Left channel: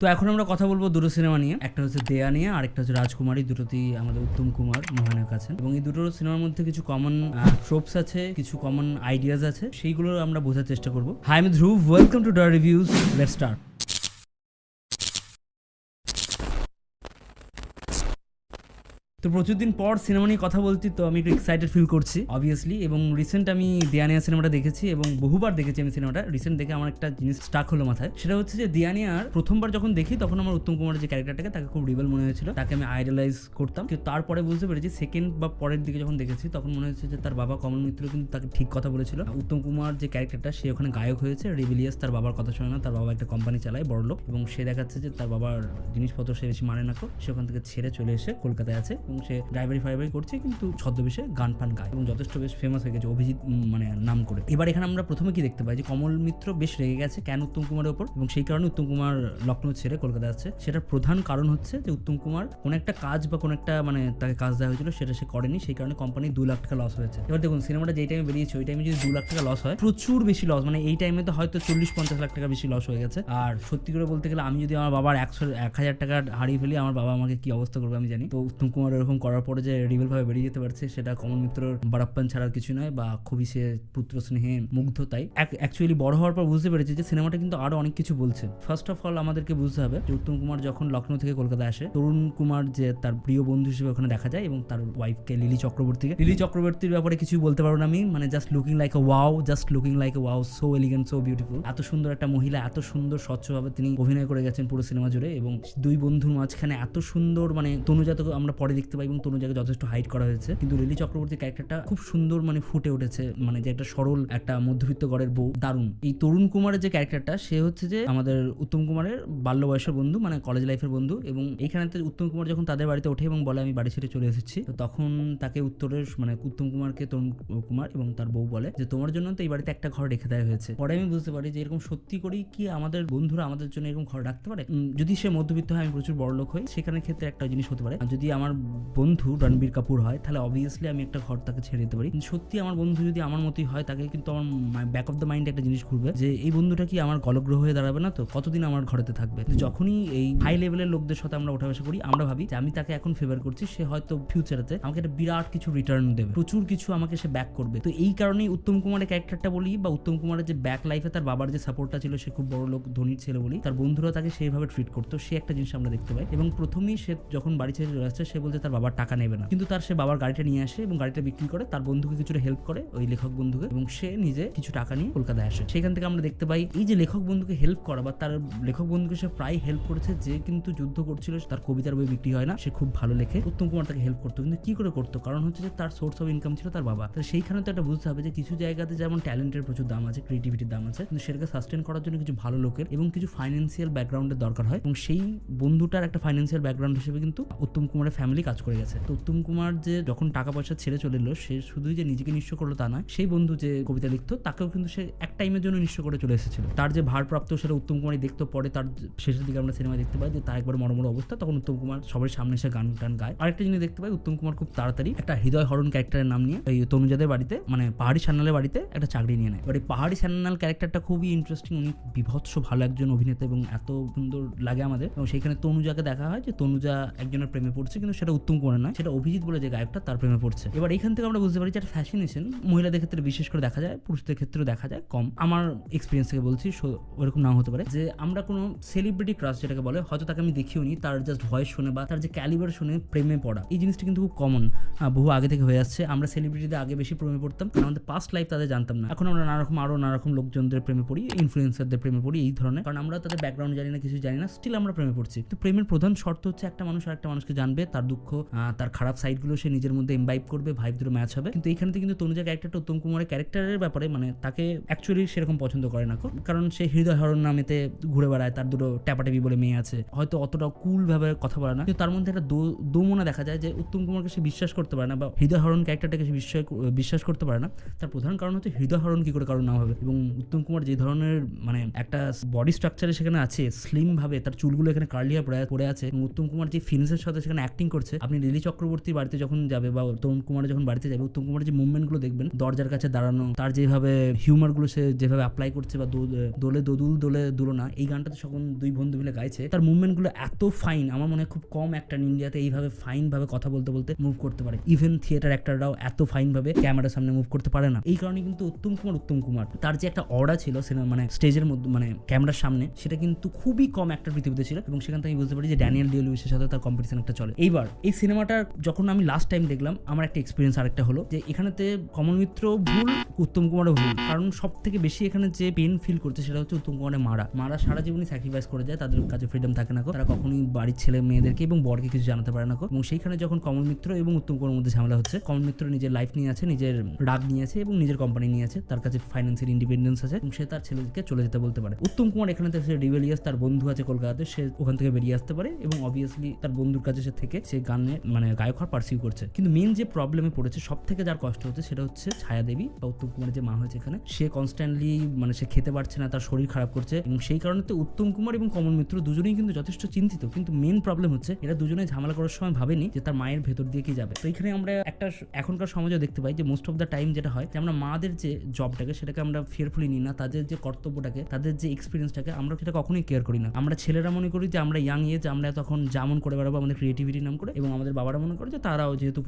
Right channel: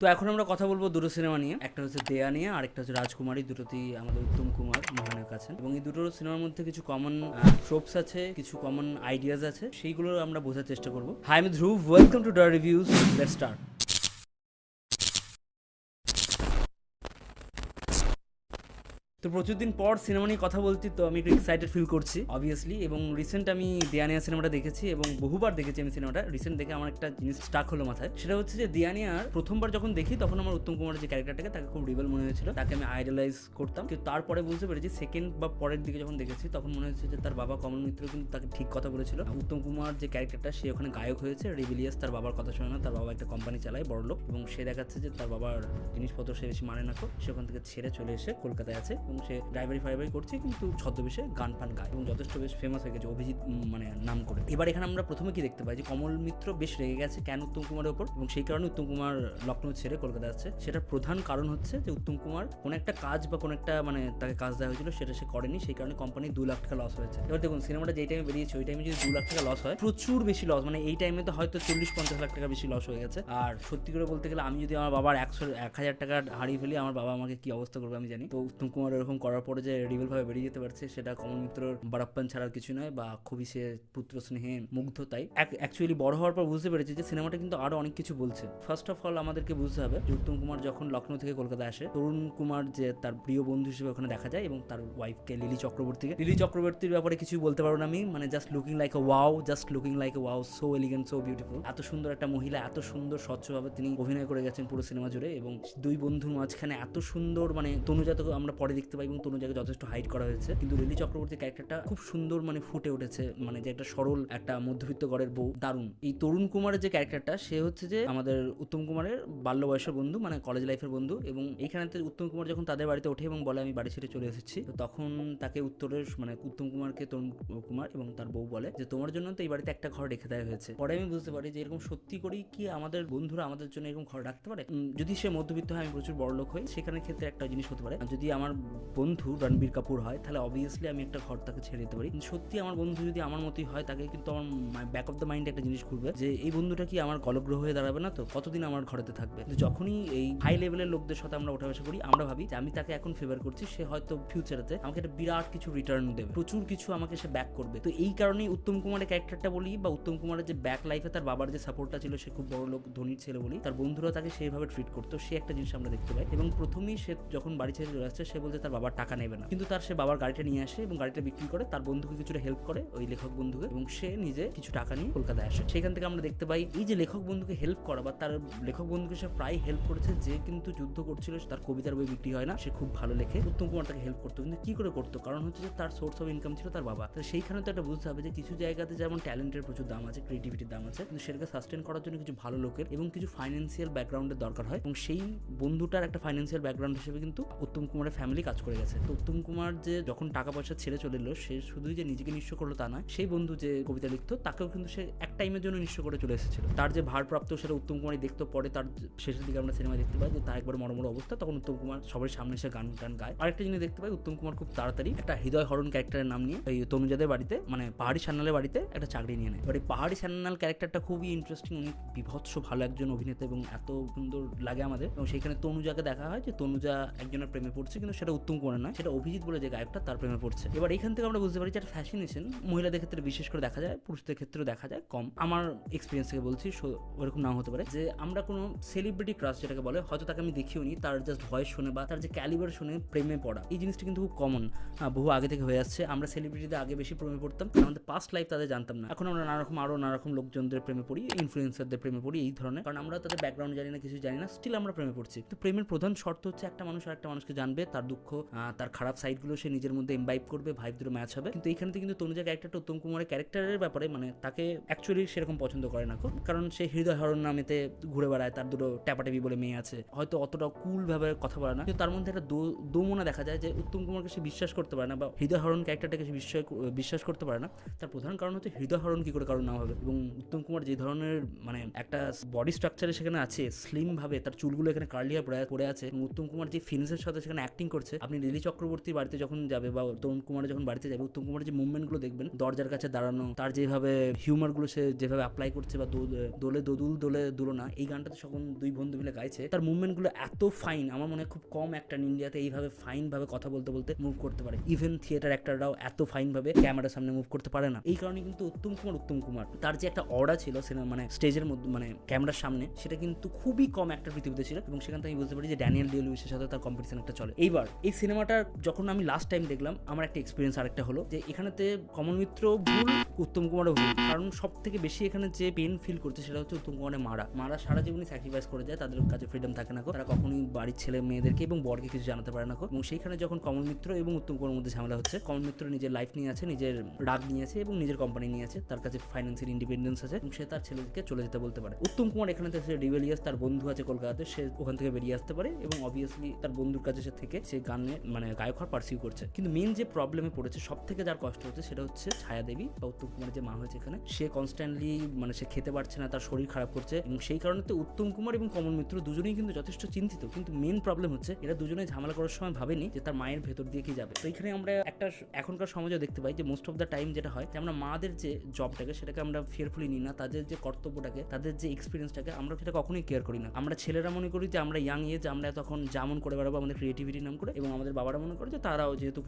তো এখন আমরা কথা বলবো দুটো সিনেমা নিয়ে। একটা হচ্ছে দেয়া নিয়ে, আরেকটা হচ্ছে রাজকুমারী। দুটোতেই আমাদের উত্তম কুমার মহানায়ক আছেন এবং এই দুটো সিনেমার মধ্যে কিছু কমন ট্রোপস আছে, কিছু কমন আইডিয়াজ আছে, সেইগুলো আমরা বোঝার চেষ্টা করবো। হাই, আমি ধ্রুব, ওয়েলকাম টু ডা রিভিউজ। Let's start. তো প্রচুর দিন পর সিনেমা নিয়ে কথা বলছি, তো আমি একটু এক্সাইটেড ফিল করছি অবভিয়াসলি। এবং রিসেন্ট আমি দিয়ানিয়া সিনেমাটা দেখেছি এবং বহুবার দেখেছি আমি সিনেমাটা। রিসেন্ট দেখে আমার একটা জিনিস স্টাক হলো মাথায়, সেটা হচ্ছে যে দিয়ানিয়ার প্রথমবার যখন দেখি তখন আমার উত্তম কুমারের যে ক্যারেক্টারটাকে তাকে খুব রিবেল মনে হয়েছিল, তাকে আমি আইডলাইজ করতাম। কিন্তু তারপরে বুঝতে পেরেছি সেকেন্ড বা পরের দিকে যখন দেখেছি তখন মনে হচ্ছে যে তার বাবা কমল মিত্র কিন্তু তাকে ঠিক কথা বলেছিল। উত্তম কুমার যে ক্যারেক্টারটা সে ওখানে গায়ক হয়েছে, রেবিলিয়াস, তার বাবার কথা শোনে না। তার বাবা একটা কোম্পানি চালায়, বড়লোক, এবং সে দেখাচ্ছে যে তার বাবার জিনিসপত্র সে বেশি মানে না, তো সে ওখান থেকে ছেড়ে চলে এসে কলকাতায় আছে এবং সে ড্রাইভারি করছে, কিন্তু ছদ্মবেশে গান ফান গায় এবং যথেষ্ট বেশ ফেমাস হয়ে গেছে অভিজিৎ মানে নাম করে। এবার এখানে আমরা প্রথমে কি দেখতে পাই যে কমল মিত্র বেশ রেগে গেছে কেন উত্তম কুমারের উপর, এবং সেই কারণে উত্তম কুমার লখনৌ ছেড়ে কলকাতা আসছে। সেটার প্রধান কারণ হচ্ছে যে উত্তম কুমার কোন একটা কাজ বা কোন একটা মানে তাকে কাজ দেওয়া হয়েছিল, সেটা সে করেনি, সেই কারণে কোম্পানি 2 লাখ টাকা লস হয়েছে। এবার দেখুন সিনেমাটা যেই টাইমে বেরিয়েছে ওই টাইমে যদি 2 লাখ টাকা লস হয়, প্রচুর বেশি লস, মানে এই টাইমে তো হয়তো 40-50 লাখ টাকা বেশি লস হয়ে গেছে। আর সত্যি করে বলতে গেলে আমি যদি আমার বাবার 1,000 টাকা হারিয়ে ফেলি, আমার বাবা আমাকে কি অবস্থা করবে আমি জানি। তো উত্তম কুমার এরকম করার পরে যে রিবেল ভাবে বেরিয়ে যেতে পারছে, সেটা কমল মিত্রর বারাপ্পান ছাড়ার কিছু নয়, বা খুবই সে পুত্র স্নেহে মুগ্ধ। তাই অ্যাকচুয়ালি বড় হওয়ার পর বুঝতে পেরেছি যে সিনেমাটা কিন্তু আরো অনেক কিছু বলছে। ফার্স্ট অফ অল আমাদেরকে বুঝতে হবে যে উত্তম কুমার যখন লখনৌ থেকে কলকাতা আসে, তরুণ কুমার যে তার প্রিয় বন্ধু হিসেবে ওখানে দেখা যায়, এবং তার ওয়াইফকে লিলি চক্রবর্তীর ব্যাপারে কিছুই বলতে পারবো না আমি, মানে just looking like a wow, so elegant, so beautiful. এত সুন্দর একটা মহিলা, এত সুন্দর স্বচ্ছভাবে তিনি অভিনয় করে গেছেন পুরো সিনেমা জুড়ে, এবং দুই বন্ধুর মাঝখানে এত সুন্দর, মানে তনুজাকে আমরা পরে দেখতে পাই এবং তনুজাকে যথেষ্ট হাইট করা হয়েছে, কিন্তু লিলি চক্রবর্তীর ক্যারেক্টারটা খুব সুন্দর মানে ফুটে উঠেছে, মানে যে একটা সরল একটা মধ্যবিত্ত ঘরের বউ, দারুণ। এই তরুণ কুমারের যে ক্যারেক্টারটা, সে হচ্ছে যে আমাদের উত্তম কুমারের বাল্য বয়সের বন্ধু, মানে কলেজ লাইফের বন্ধু। এবং এইখানে উত্তম কুমার যখন তাদের বাড়িতে ওঠে এবং বলে আমি বাড়ি ছেড়ে চলে এসেছি, তো তখন তাকে উত্তরের মানে উত্তম কুমারকে তরুণ কুমার এবং তার বউ বলে যে তোমার জন্য তো এই বাড়িতে একটা ঘর রেখে দেওয়া হয়েছে। পরে আমি বুঝতে পারি যে এরকম সত্যি করেই কি আমাদের বন্ধুরা আমাদের জন্য এরকম ঘর রাখতে পারে। যদি সে মধ্যবিত্ত হয়, আমি প্রচুর বড় লোক হই, সেখানে ক্ষেত্রে একটা জিনিস হতে পারে। যদি আমার বন্ধু রণবীর কাপুর হয়, তাহলে অবভিয়াসলি আমি একটা ঘর তাকে ছেড়ে দিতে পারি। সত্যি আমার বন্ধু যদি আমার মতোই হয়, তাকে কিন্তু আমার ব্যাক অফ দ্য মাইন্ডে একটা জিনিস ঘুরবে যে এই বন্ধুটা কি আমার গলগ্রহ হয়ে দাঁড়াবে না, তো কতদিন আমার ঘরেতে থাকবে। যখনই এই হাই লেভেলের লোকদের সাথে আমরা ওঠা বসা করি, আমরা ভাবি যে আমি তাকে এখন ফেভার করছি, সে হয়তো ফিউচারেতে আমাকে একটা বিরাট কিছু রিটার্ন দেবে, প্রচুর কিছু আমাকে সে ব্যাক করবে। তো এই কারণেই উত্তম কুমারের ক্যারেক্টারটা বলি, বা উত্তম কুমারের যে ব্যাক লাইফে তার বাবার যে সাপোর্টটা ছিল, সে খুব বড় লোক ধনীর ছেলে বলি, তার বন্ধুরা তাকে সেইভাবে ট্রিট করতো, সে একটা জিনিস আমরা দেখতে পাই। এবং প্রথমেই সে যখন বাড়ি ছেড়ে চলে আসছে, সে বলছে তার বাবার টাকা নেবে না, কিন্তু তার সে বাবার গাড়িটা নিয়ে আসে এবং গাড়িটা বিক্রি করে তার বন্ধুকে কিছুটা হেল্প করে, ওই লেখক বন্ধুকে, এবং সে নিজে কিছু টাকা নিয়ে কলকাতায় আসে। সেখান থেকে আমরা দেখতে পাই এই যে লেখক বন্ধুকে হেল্প করা, বা তার লেখক বন্ধুকে সে প্রায় হেল্প করেছে, যে কিন্তু যুদ্ধ করছিল, তার কবিতার বই বিক্রি হয় না, সে খুব ভালো লেখে, উত্তম কুমার তাকে হেল্প করতো। কিন্তু কি করে করতো? কারণ হচ্ছে যে তার সোর্স অফ ইনকাম ছিল তার বাবা। তো সেইখানে তো একটা বুঝতে হবে যে কিছু জায়গাতে যেমন ট্যালেন্টের প্রচুর দাম আছে, ক্রিয়েটিভিটির দাম আছে, কিন্তু সেটাকে সাস্টেন করার জন্য কিছু ভালো লোকের এবং কিছু ফাইন্যান্সিয়াল ব্যাকগ্রাউন্ডের দরকার হয়, এবং সেই বন্ধুটার একটা ফাইন্যান্সিয়াল ব্যাকগ্রাউন্ড হিসেবে কিন্তু উত্তম কুমারের ফ্যামিলি কাজ করে গেছে। তো উত্তম কুমার যে যখন টাকা পয়সা ছেড়ে চলে এলো, সে শুধুই যে নিজেকে নিঃস্ব করলো তা নয়, সেই বন্ধু যে কবিতা লিখতো তাকেও কিন্তু সে এক টাইমের জন্য নিঃস্ব করে চলে এসেছিল। তার যে ভারপ্রাপ্ত, সেটা উত্তম কুমারই দেখতো। পরে তার শেষের দিকে আমরা সিনেমা দেখতে পাই যে তার একবার মরমর অবস্থা, তখন উত্তম কুমার সবার সামনে এসে গান টান গায়। আরেকটা জিনিস দেখতে পাই, উত্তম কুমার খুব তাড়াতাড়ি একটা হৃদয় হরণ ক্যারেক্টারের নাম নিয়ে এই তনুজাদের বাড়িতে, মানে পাহাড়ি সান্যালের বাড়িতে একটা চাকরি নিয়ে নেয়। এবার এই পাহাড়ি সান্যাল ক্যারেক্টারটা খুবই ইন্টারেস্টিং, উনি বিভৎস ভালো একজন অভিনেতা এবং এত সুন্দর লাগে আমাদের। এবং সেখানে তনুজাকে দেখা হয় যে তনুজা একজনের প্রেমে পড়ছে, কিন্তু সেটা উত্তম কুমার নয়, সেটা অভিজিৎ বলে যে গায়কটা, তার প্রেমে পড়ছে। এবার এখান থেকে আমরা বুঝতে পারি যে একটা ফ্যাসিনেশন মহিলাদের ক্ষেত্রে বিশেষ করে দেখা যায়, পুরুষদের ক্ষেত্রেও দেখা যায় কম। আমার এক্সপিরিয়েন্স থেকে বলছি, ওরকম নাও হতে পারে যে আমরা কোনো সেলিব্রিটি ক্রাশ যেটাকে বলে, হয়তো তাকে আমি দেখিও নি, তার জাস্ট ভয়েস শুনে বা তার যে ক্যালিবার শুনে প্রেমে পড়া, এই জিনিসটা কিন্তু খুব কমন, বহু আগে থেকে হয়ে আসছে। আমরা সেলিব্রিটিদের আগে বেশি প্রেমে পড়তাম, আমাদের পাস্ট লাইফ তাদের জানতাম না। এখন আমরা নানা রকম লোকজনদের প্রেমে পড়ি, ইনফ্লুয়েন্সারদের প্রেমে পড়ি, এই ধরনের, কারণ আমরা তাদের ব্যাকগ্রাউন্ড জানি না, কিছু জানি না, স্টিল আমরা প্রেমে পড়ছি। তো প্রেমের প্রধান শর্ত হচ্ছে একটা মানুষ আর একটা মানুষকে জানবে, তার দুঃখ, তার খারাপ সাইডগুলো সে নিজের মধ্যে ইমবাইব করবে, ভাইব দুটো ম্যাচ হবে। কিন্তু এইখানে কিন্তু তনুজা ক্যারেক্টারটা উত্তম কুমারের ক্যারেক্টারের ব্যাপারে মানে তাকে অ্যাকচুয়ালি সেরকম পছন্দ করে না, কারণ সে হৃদয় হরণ নামেতে ঘুরে বেড়ায়, তার দুটো ট্যাপাটেপি বলে মেয়ে আছে, হয়তো অতটা কুল ভাবে কথা বলে না, কিন্তু তার মধ্যে একটা দোমনা দেখা যায় যে উত্তম কুমারকে সে বিশ্বাস করতে পারে না, বা হৃদয় হরণ ক্যারেক্টারটাকে সে বিশ্বাস করতে পারে না। তার প্রধান কারণ হচ্ছে হৃদয় হরণ কি করে কারণ না হবে। এবং উত্তম কুমার যে ধরনের মানে একটা বডি স্ট্রাকচারে সেখানে আছে, স্লিম ভাবে তার চুলগুলো এখানে কার্লি হয়ে পড়ে আছে, এবং উত্তম কুমার যে ফিনিশের সাথে সেখানে অ্যাক্টিং করছে, আপনি লিলি চক্রবর্তীর বাড়িতে যখন যাবে বা তরুণ কুমারের যখন বাড়িতে যাবে, উত্তম কুমারের যে মুভমেন্টগুলো দেখবেন, দরজার কাছে দাঁড়ানো, তার যেভাবে হিউমারগুলো সে যেভাবে অ্যাপ্লাই করছে, বা দোলে দোদুল দোলে দুলনা, এই গানটাতে যখন দুই বন্ধু মিলে গাইছে, তার মুভমেন্টগুলো এত ফাইন। আমার মনে হয় খুব কম অ্যাক্টর ইন্ডিয়াতে এইভাবে ফাইন ভাবে কথা বলতে বলতে মুভ করতে পারে। ইভেন থিয়েটার অ্যাক্টররাও এত ফাইন ভাবে ক্যামেরার সামনে মুভ করতে পারে না। এই কারণে কিন্তু উত্তম কুমার তার যে একটা অরা ছিল সিনেমা মানে স্টেজের মধ্যে মানে ক্যামেরার সামনে, সেটা কিন্তু খুবই কম অ্যাক্টর পৃথিবীতে ছিল। এবং সেখান থেকে আমি বুঝতে পারি যে ড্যানিয়েল ডে লুইসের সাথে তার কম্পিটিশন একটা চলে। এইবার এই সিনেমাটা যখন আমি লাস্ট টাইম দেখলাম, আমার একটা এক্সপিরিয়েন্স আরেকটা হলো যে এখানেতে কমল মিত্র ভুল, উত্তম কুমারও ভুল। কারণ সব থেকে বেশি এখানে যে পেন ফিল করছে সেটা হচ্ছে উত্তম কুমারের মারা সারা জীবনই স্যাক্রিফাইস করে যায়, তাদের কাছে ফ্রিডম থাকে না, তারা কখনোই বাড়ির ছেলে মেয়েদেরকে এবং বরকে কিছু জানাতে পারে না। এবং সেইখানে যখন কমল মিত্র এবং উত্তম কুমারের মধ্যে ঝামেলা হচ্ছে, কমল মিত্র নিজের লাইফ নিয়ে আছে, নিজের রাগ নিয়ে আছে এবং নিজের কোম্পানি নিয়ে আছে, তার কাছে ফাইন্যান্সিয়াল ইন্ডিপেন্ডেন্স আছে এবং সে তার ছেলেকে চলে যেতে বলতে পারে। উত্তম কুমার এখানে সে রিবেলিয়াস, তার বন্ধু আছে কলকাতাতে, সে ওখান থেকে বেরিয়ে আসতে পারে এবং অবভিয়াসলি তার বন্ধুর কাছে সে থেকে সে গানে মানে গায়ক হওয়ার পার্সিউ করছে। কিন্তু মেন যে প্রবলেমে পড়েছে, সব থেকে যার কষ্ট হচ্ছে, সেটা হচ্ছে ছায়াদেবী বা উত্তম কুমারের যে মা হয়েছে এখানে, সে কনস্ট্যান্টলি মানে সে খেতে পারছে না, তার শরীর খারাপ করছে এবং সেই কারণে তো উত্তম কুমার এবং কমল মিত্র দুজনেই কিন্তু যথেষ্ট চিন্তিত। কিন্তু মেন প্রবলেম হচ্ছে এরা দুজনে ঝামেলা করার সময় ভাবেনি যে তার মায়ের ভেতর দিয়ে কি যাবে। তো এখানে আমরা একটা এখনকার সমাজে দেখতে পাই যে মোস্ট অফ দ্য টাইম যেটা হয় যে আমরা মাদের যে জবটাকে সেটাকে আমরা ফিয়ারফুলি নিই না, তাদের যে কর্তব্যটাকে, তাদের যে এক্সপিরিয়েন্সটাকে আমরা সেটা কখনোই কেয়ার করি না। আমরা ছেলেরা মনে করি যে আমরা ইয়াং এজ, আমরা তখন যেমন করে বেড়াবো আমাদের ক্রিয়েটিভিটি নাম করে, এবং আমাদের বাবারা মনে করে যে তারাও যেহেতু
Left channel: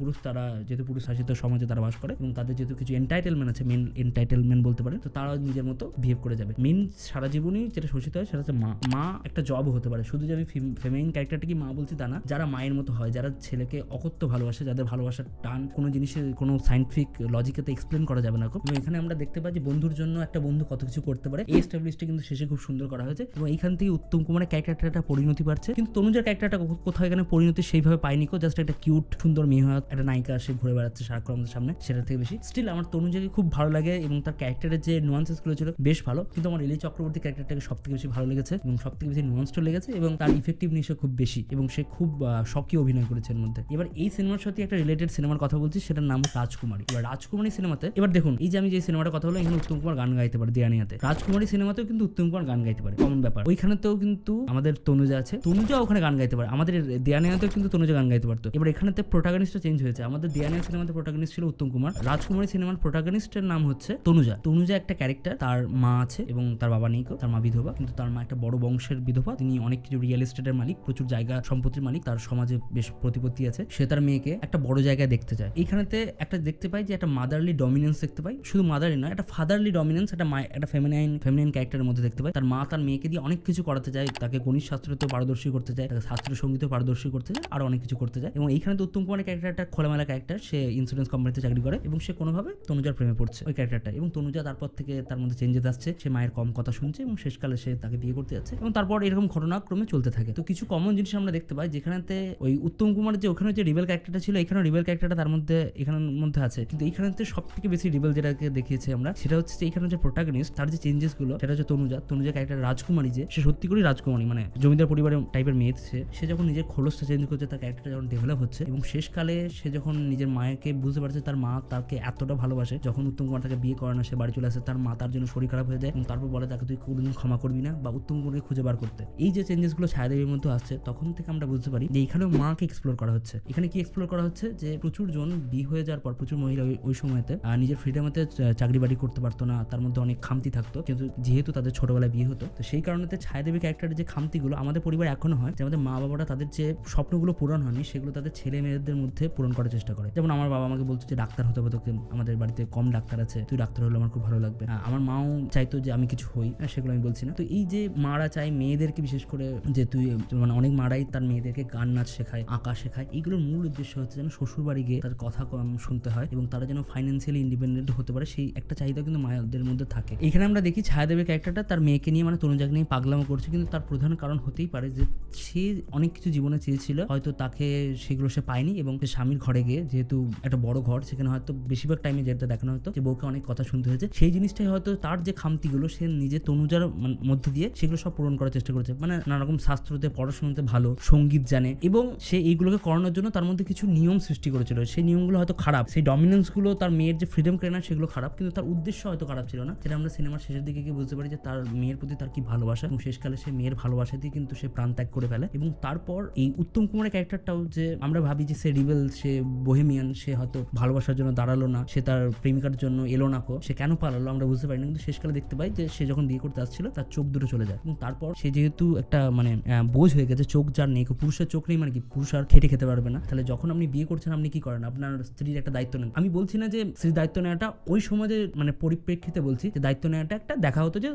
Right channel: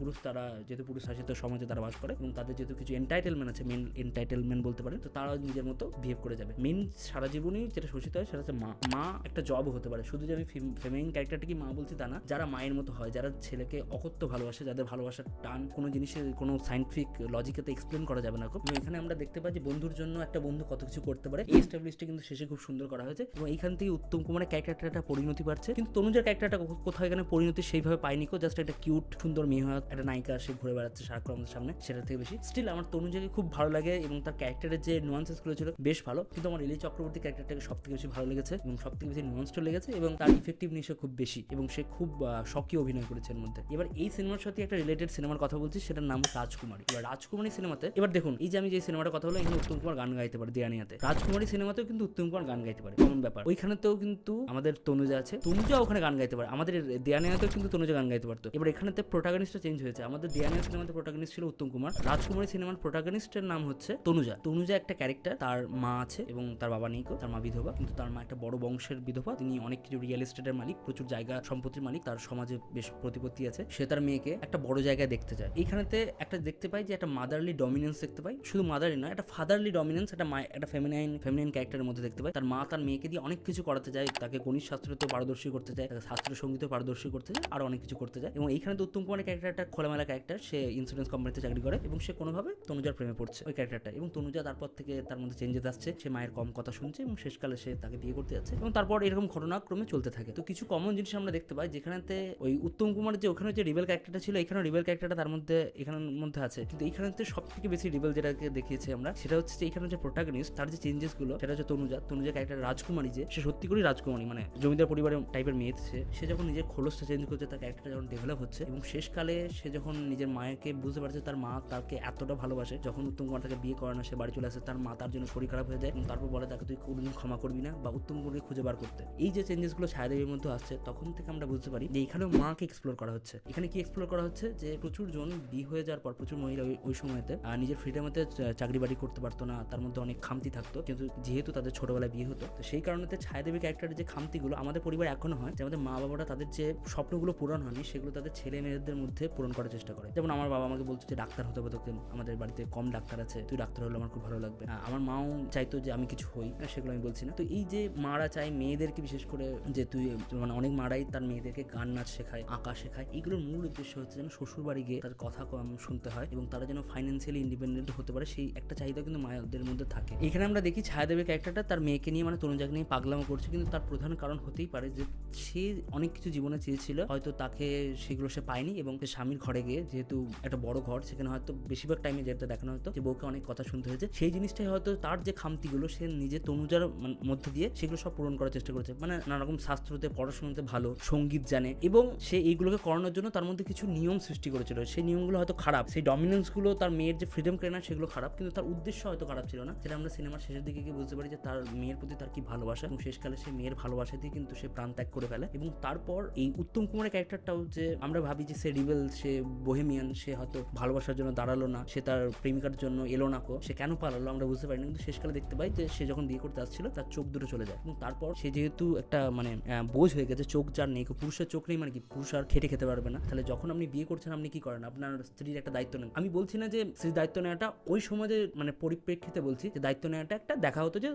পুরুষ শাসিত সমাজে তারা বাস করে এবং তাদের যেহেতু কিছু এন্টাইটেলমেন্ট আছে, মেন এন্টাইটেলমেন্ট বলতে পারে, তো তারা নিজের মতো বিহেভ করে যাবে। মেন সারা জীবনই যেটা শোষিত হয় সেটা হচ্ছে মা একটা জব হতে পারে। শুধু যে আমি ফেমিনিন ক্যারেক্টারটাকে মা বলছি তা না, যারা মায়ের মতো হয়, যারা ছেলেকে অকথ্য ভালোবাসে, যাদের ভালোবাসার টান কোনো জিনিসের কোনো সাইন্টিফিক লজিকেতে এক্সপ্লেন করা যাবে না। এবং এখানে আমরা দেখতে পাই যে বন্ধুর জন্য একটা বন্ধু কত কিছু করতে পারে, এই স্টাবলিশটা কিন্তু শেষে খুব সুন্দর করা হয়েছে। এবং এইখান থেকে উত্তম কুমারের ক্যারেক্টারটা পরিণতি পাচ্ছে, কিন্তু তনুজার ক্যারেক্টারটা কোথাও এখানে পরিণতি সেইভাবে পায়নি। জাস্ট একটা কিউট সুন্দর মেয়ে হয়ে একটা নায়িকা সে ঘুরে বেড়াচ্ছে সারাক্ষণ আমাদের সামনে, সেটার থেকে বেশি স্টিল আমার তনুজাকে খুব ভালো লাগে এবং তার ক্যারেক্টারের যে নুয়ান্সেস গুলো ছিল বেশ ভালো। কিন্তু আমার লিলি চক্রবর্তী ক্যারেক্টারটাকে সব থেকে বেশি ভালো লেগেছে এবং সব থেকে বেশি নুয়ান্সড লেগেছে এবং তার ইফেক্টিভনেসও খুব বেশি এবং সে খুব সক্রিয় অভিনয় করেছে এর মধ্যে। এবার এই সিনেমার সাথে একটা রিলেটেড সিনেমার কথা বলছি, সেটার নাম রাজকুমারী। এবার রাজকুমারী সিনেমাতে এবার দেখুন, এই যে আমি যে সিনেমাটা কথা বললাম, এখানে উত্তম কুমার গান গাইতে পারে দেয়ানিয়াতে, রাজকুমারী সিনেমাতেও কিন্তু উত্তম কুমার গান গাইতে পারে, কমন ব্যাপার। ওইখানেতেও কিন্তু আমাদের তনুজা আছে, তনুজা ওখানে গান গাইতে পারে, আমাদের দেয়ানিয়াতেও কিন্তু তনুজা গান গাইতে পারতো। এবার এখানেতে প্রোটাগনিস্টটা চেঞ্জ হয়েছে, আমাদের দেয়ানিয়া সিনেমাতে প্রোটাগনিস্ট ছিল উত্তম কুমার, রাজকুমারী সিনেমার প্রোটাগনিস্টের নাম হচ্ছে তনুজা। তনুজা একটা ক্যারেক্টার, তার মা আছে এবং তার বাবা নেই, তার মা বিধবা, কিন্তু তার মা একটা বড় বংশের বিধবা, তিনি অনেক কিছু রিয়েল এস্টেটের মালিক, প্রচুর জায়গা সম্পত্তির মালিক, তার সমাজে বেশ প্রতিপত্তি আছে, সে তার মেয়েকে একটা বড় জায়গায় দেখতে চায়। এইখানেতে একটা দেখতে পাই যে একটা মাদারলি ডমিনেন্স দেখতে পাই, শুধু মাদারলি নয়, একটা ফাদারলি ডমিনেন্স, একটা ফেমিনাইন ক্যারেক্টারের মধ্যে দেখতে পাই। তার মা তার মেয়েকে দিয়ে অনেক কিছু করাতে চায়, তাকে গণিত শাস্ত্রতে পারদর্শী করতে চায়, তাকে শাস্ত্রীয় সঙ্গীতে পারদর্শী করতে চায়, আর অনেক কিছু করতে চায়। এবং এইখানে তো উত্তম কুমারের ক্যারেক্টারটা খোলামেলা ক্যারেক্টার, সে ইন্স্যুরেন্স কোম্পানিতে চাকরি করে এবং সে কোনোভাবে তনুজার প্রেমে পড়ছে ওই ক্যারেক্টারটা, এবং তনুজা তারপর থেকে তার মধ্যে চেঞ্জেস আসছে, সে মায়ের কম কথা শুনছে এবং শেষকালে সে তাকে বিয়ে করতে যাচ্ছে এবং তারপর এরকম ঘটনাক্রমে চলতে থাকে। তো কিছু কমন জিনিস আমরা দেখতে পাই, যেখানেতে ওই উত্তম কুমারের যে ওখানে যে রিবেল ক্যারেক্টারটা ছিল, এখানে রিবেল ক্যারেক্টারটা তার মধ্যে এখানের মধ্যে আছে, কিন্তু এইখানেতে সব থেকে বেশি রিবেল যেটাকে দেখিয়েছে আমরা, সেটা হচ্ছে যে এখানে যে প্রোটাগনিস্ট, তার যে চেঞ্জেস গুলো, সেটা হচ্ছে তনুজা ক্যারেক্টার রাজকুমারী, যে সে সত্যি করে রাজকুমারী, মানে জমিদার পরিবারের টাইপের মেয়ে, সে যখন নিজের খোলসটা চেঞ্জ করছে, তার ক্যারেক্টারটা যখন ডেভেলপ হচ্ছে এবং শেষকালে সে যখন নিজের মায়েকে বুঝতে পারছে তার মা তাকে এতটা ভালোবাসে, যখন উত্তম কুমার তাকে বিয়ে করে না, সে বাড়ি চলে আসে, তার মা তার জন্য শরীর খারাপ হয়ে যায় এবং তারপর বলে তাকে তুই কোনোদিন ক্ষমা করবি না বা উত্তম কুমারকে খুঁজে বার করতে। এই যে চেঞ্জেস গুলো ছায়াদেবীর মধ্যে আসছে, তখন থেকে আমরা বুঝতে পারি যে এখানেও মাকে এক্সপ্লোর করা হচ্ছে। এখানে কি এক্সপ্লোর করা হচ্ছে যে প্রচুর জন বিয়ে হয়ে যাওয়ার পর প্রচুর মহিলা ওই সময়তে নিজের ফ্রিডমতে চাকরি বাড়ি করতে পারতো না, তার মধ্যে অনেক খামতি থাকতো, কিন্তু যেহেতু তাদের ছোটবেলায় বিয়ে হতো, তো সেই কারণে ছায়াদেবী ক্যারেক্টারের যে খামতিগুলো আমাদের পরিবার এখনো হয়, যে আমাদের মা বাবারা তাদের যে স্বপ্নগুলো পূরণ হয়নি সেগুলো তাদের ছেলে মেয়েদের মধ্যে পূরণ করার চেষ্টা করে। যেমন আমার বাবা আমাকে বলতো যে ডাক্তার হতে হবে তোকে, আমাদের বাড়িতে কম ডাক্তার আছে, তুই ডাক্তার হলে আমার খুব ভালো লাগবে। আমার মাও চাইতো যে আমি কিছু হই, সেগুলো আমি বলছি না। তো এই যে মারা চাই মেয়েদেরকে, বিশেষ করে যে তুই মানে অনেক মারাই তার মেয়েদেরকে গান নাচ শেখায়, আঁকা শেখায়, এইগুলোর মূল উদ্দেশ্য হচ্ছে যেন শ্বশুর বাড়ি গিয়ে তার কথা কম শুনতে হয় এবং তারা যেন ফাইন্যান্সিয়ালি ইন্ডিপেন্ডেন্ট হতে পারে, সেই একটা চাহিদা কিন্তু মায়েদের মধ্যে থাকে। এখানে আমরা দেখি ছায়াদেবীর ক্যারেক্টারটা তার মেয়েকে নিয়ে মানে তনুজাকে নিয়ে পাগলামো করছে, কিন্তু তার প্রধান কারণ হতেই পারে যে সে অনেক কিছু জীবনে চেয়েছিল, হয়তো তাকে সেগুলো সে পায়নি এবং সে স্বামীর ঘরে গিয়ে, যেহেতু একটা বড় ঘর, সেখানে হয়তো বেশিরভাগ টাইমে যেটা দেখানো হতো যে বউকে অনেক কথা শুনতে হয়েছে, সেই জিনিসটাই হয়তো তার যে খামতিগুলো সে নিজে তনুজার মধ্যে দিয়ে সেগুলো সব পূরণ করার চেষ্টা করেছে। মানে নানা রকম শাস্ত্রতে পড়াশোনাতে ভালো, সঙ্গীত জানে এবং সে এইগুলোকে করানোর জন্য তার মধ্যে কিছু নিয়ম সৃষ্টি করেছিল। সেই নিয়মগুলো হয়তো খারাপ, সেই ডমিনেন্স গুলো তার মেয়ের যে ফ্রিডম কেড়ে নেয় সেগুলো খারাপ, কিন্তু তার উদ্দেশ্য হয়তো খারাপ ছিল না। সেটা আমরা সিনেমার শেষের দিকে গিয়ে বুঝতে পারি যে তার মেয়ের প্রতি তার কি ভালোবাসা, এবং শেষকালে সে মেয়ের ভালোবাসা দিয়ে কিন্তু সে প্রাণ ত্যাগ করে ফেলে। এবং তারপর এই উত্তম কুমারের ক্যারেক্টারটাও যে আমরা ভাবি যে সে রিবেল, সে বোহেমিয়ান, সে হয়তো ভালোবাসার জন্য দাঁড়ালো না, সে তার প্রেমিকার জন্য এলো না, সে কেন পালালো আমরা বুঝতে পারি না। কিন্তু শেষকালে দেখতে পাই যে সে যখন বিয়ে করতে আসছিল তার চোখ দুটো চলে যায়, এবং তারপর সে যেহেতু একটা মানে বোঝ হয়ে গেছে, চোখ যার নেই, পুরুষের চোখ নেই মানে কি, পুরুষ আর খেটে খেতে পারবে না। তাহলে যখন আপনি বিয়ে করছেন আপনি কি করেন, আপনার স্ত্রীর একটা দায়িত্ব নেন। আমি বলছি না যে স্ত্রীর দায়িত্ব নেওয়াটা ওই সমাজের মানে পরিপ্রেক্ষিতে বলছি, যে দায়িত্ব নেওয়াটা একটা দেখা হতো যে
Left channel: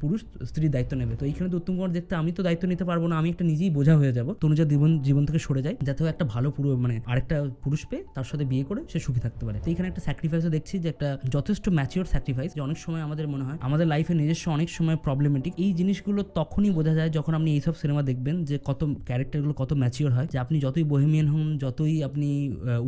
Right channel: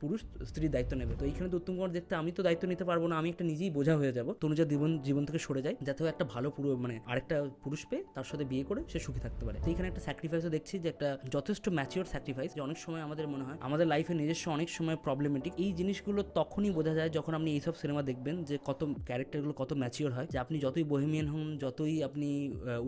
পুরুষ স্ত্রীর দায়িত্ব নেবে। তো এইখানে তো উত্তম কুমার দেখতে আমি তো দায়িত্ব নিতে পারবো না, আমি একটা নিজেই বোঝা হয়ে যাবো, তনুজার জীবন থেকে সরে যায়, যাতে একটা ভালো মানে আরেকটা পুরুষ পেয়ে তার সাথে বিয়ে করে সে সুখী থাকতে পারে। তো এখানে একটা স্যাক্রিফাইসও দেখছি, যে একটা যথেষ্ট ম্যাচিওর স্যাক্রিফাইস, যে অনেক সময় আমাদের মনে হয় আমাদের লাইফে নিজস্ব অনেক সময় প্রবলেমেটিক, এই জিনিসগুলো তখনই বোঝা যায় যখন আপনি এইসব সিনেমা দেখবেন, যে কত ক্যারেক্টারগুলো কত ম্যাচিওর হয়, যে আপনি যতই বোহেমিয়ান হন, যতই আপনি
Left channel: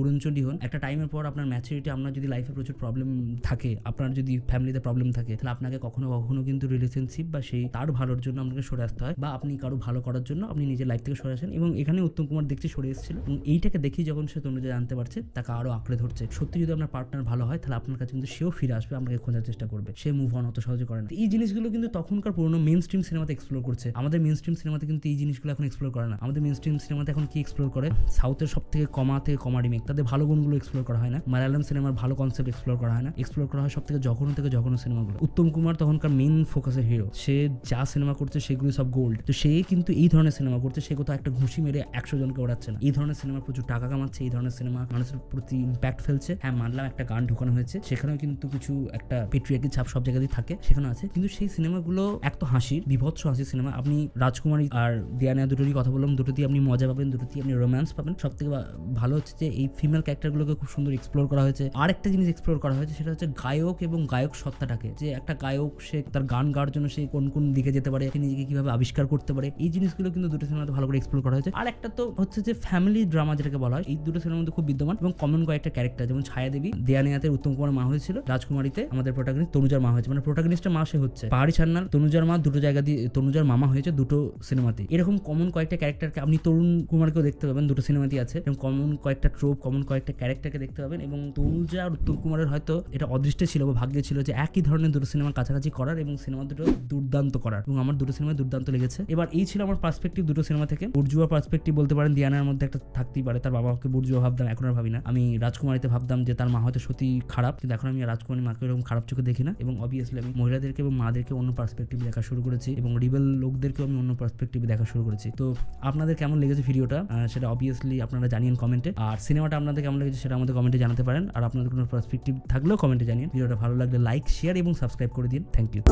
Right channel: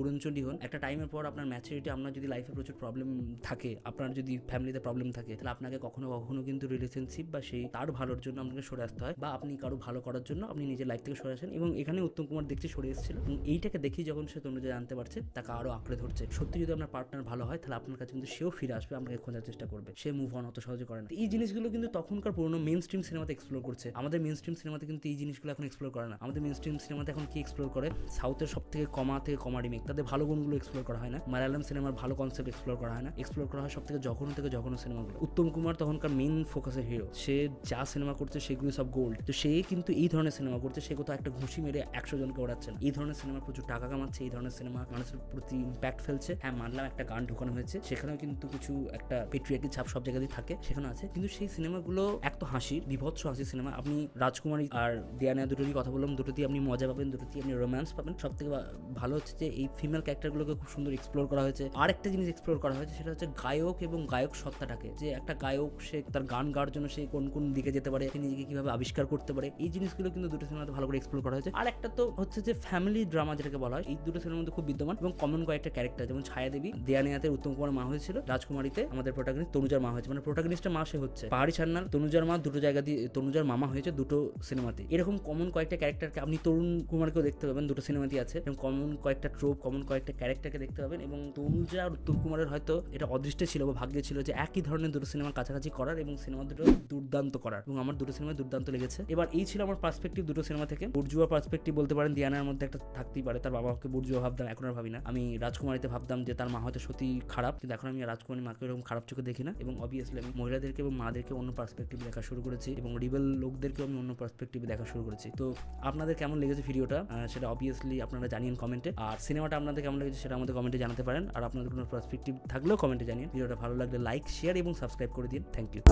উড়নচণ্ডী হন, একটা টাইমের পর আপনার ম্যাচুরিটি, আপনার যদি লাইফে প্রচুর প্রবলেম থাকে, আপনার যদি ফ্যামিলিতে প্রবলেম থাকে, তাহলে আপনাকে কখনো কখনো কিন্তু রিলেশনশিপ বা সেই তার ভালোর জন্য আপনাকে সরে আসতে হয়, বা আপনি কারো ভালো করার জন্য আপনি নিজের লাইফ থেকে সরে আসেন। এবং এখানে উত্তম কুমার দেখতে সরে এসেছিল, এবং এইটাকে দেখি যখন সে তনুজা জানতে পারছে, তাকে আরো আঁকড়ে ধরছে। সত্যি যদি আপনার পার্টনার ভালো হয়, তাহলে আপনার কাছে কিন্তু সেও ফিরে আসবে, আপনাকে খোঁজার চেষ্টা করবে, সে মুভ অন অত সহজে করে না। এই জিনিসগুলো কিন্তু তখনকার পুরোনো মেইন স্ট্রিম সিনেমাতে এক্সপ্লোর করছে, আমাদের মেইন স্ট্রিম সিনেমাতে কিন্তু এই জিনিসগুলো এখন এক্সপ্লোর করে না। আমাদের মেইন স্ট্রিম সিনেমাতে এখন কি এক্সপ্লোর করে, সাউথের সব থেকে কমা রিমেক, তাদের ভালো গুণগুলো এক্সপ্লোর করা হয় না, মালায়ালাম সিনেমার ভালো কনসেপ্ট এক্সপ্লোর করা হয় না, এক্সপ্লোর করা হয় সব থেকে জঘন্য সিনেমাগুলো। উত্তম কুমার তখনকার মেইন ফোকাসের হিরো, সে যা সিনেমা করছে সেগুলো সব গোল্ড, তো সে কিন্তু এই ধরনের সিনেমা করছে, সে কোথাও একটা ঘুষি মেরে 100 জনকে ওড়াচ্ছে না, এই ধরনের সিনেমা প্রচুর টাকা কামাচ্ছে, এই ধরনের সিনেমা মানুষের প্রতি ইম্প্যাক্ট ফেলছে। হ্যাঁ মানলাম একটা গান ঢুকানো হয়েছে, সেখানেও কিন্তু কিছু একটা পেট্রিয়ার্কি ছাপ সব জায়গাতেই থাকে, সেখানে আছে, কিন্তু সেই সিনেমাগুলো এক তো হাসির, বিভৎস হাসির সিনেমা। আপনি রাজকুমারী আর দেয়ানিয়া দুটোরই কথা বললাম, দুটোতেই আপনি মজা পাবেন, দুটোতেই আপনি রোম্যান্স পাবেন। সব থেকে ভালো হচ্ছে যে এই ফিমেল ক্যারেক্টারগুলোকে খুব সুন্দর এক্সপ্লোর করা হয়েছে। আর একটা জিনিস এক্সপ্লোর করা হয়েছে, সেটা হচ্ছে গায়ক এবং গায়ক সত্তাটাকে, যে একটা গায়ক সে তার গান গাওয়ার জন্য সে কোন কোন দিকে যেতে পারে, সে নিজেকে কিভাবে আবিষ্কার করতে পারে, এই জিনিসগুলো কিন্তু দুটো সিনেমাতে ভালো করে এক্সপ্লোর করা হয়েছে। আর একটা তো হচ্ছে যে ফ্যামিলি ড্রামা যেটাকে বলা হয়, এই দুটো সিনেমার মধ্যে খুব বিদ্যমান এবং কমন কয়েকটা ক্যারেক্টার, যেমন ছায়া দেবী দেয়ানিয়াতে উত্তম কুমার মা হয়েছিল, রাজকুমারীতে আমাদের প্রোটাগনিস্ট তনুজার মা হয়েছে, মানে প্রোটাগনিস্টের মা সে হচ্ছে পাহাড়ি সান্যাল, তনুজার মা দুটো জায়গা দিয়ে তনুজার মামা হয়েছে দুটো সিনেমাতে। এরকম কমন কয়েকটা ক্যারেক্টারকে আপনি তরুণ কুমারকেও দেখতে পাবেন, দুটো সিনেমাতেই আছে, এবং কমন কয়েকটা ট্রোপ, কমন কয়েকটা ক্যারেক্টারকে দেখতে পাবেন। এবং তনুজা আর উত্তম কুমারের হয়তো এটা অদৃষ্টে ছিল বা ভাগ্যে ছিল যে একই ধরনের দুটো সিনেমার কাছাকাছি করার, এবং সিনেমা দুটো দুর্দান্ত করার, এবং আমার দুটো সিনেমা দুর্দান্ত লেগেছে। এবার এই ছিল আমার পার্সপেক্টিভ দুটো সিনেমা থেকে। বুর্জুয়া পার্সপেক্টিভ বলতে পারেন, দিয়ানার মধ্যে একটা থাকতেই পারে, তার বাবাকে বুর্জুয়া ভাবতাম, এখন আর ভাবি না। আমি রাজকুমারীতে ভাবতাম যে তার মা হয়তো সত্যি খারাপ, কিন্তু এখন আমি রাজকুমারী মাকে এরকম খারাপ চোখে দেখি না, এবং অবভিয়াসলি আমি মহিলাদেরকে এবং মাদেরকে অন্য পার্সপেক্টিভে দেখা শুরু করেছি, এবং রিবেল লোকদেরকেও আমি অন্য পার্সপেক্টিভে দেখা শুরু করেছি। তো আপনাদের কেমন লেগেছে ভিডিওটা সেটা অবভিয়াসলি আপনারা জানিয়েন কমেন্টে, আর সিনেমাটা আপনাদের কেমন লেগেছে সেটা আমাদের কমেন্টে জানাতে পারেন, আর আপনাদের কোনো পার্সপেক্টিভ থাকলেও কমেন্টে জানিয়ে। ভিডিওটা ভালো লাগলে লাইক, শেয়ার এবং সাবস্ক্রাইব করে দিন। Thank you.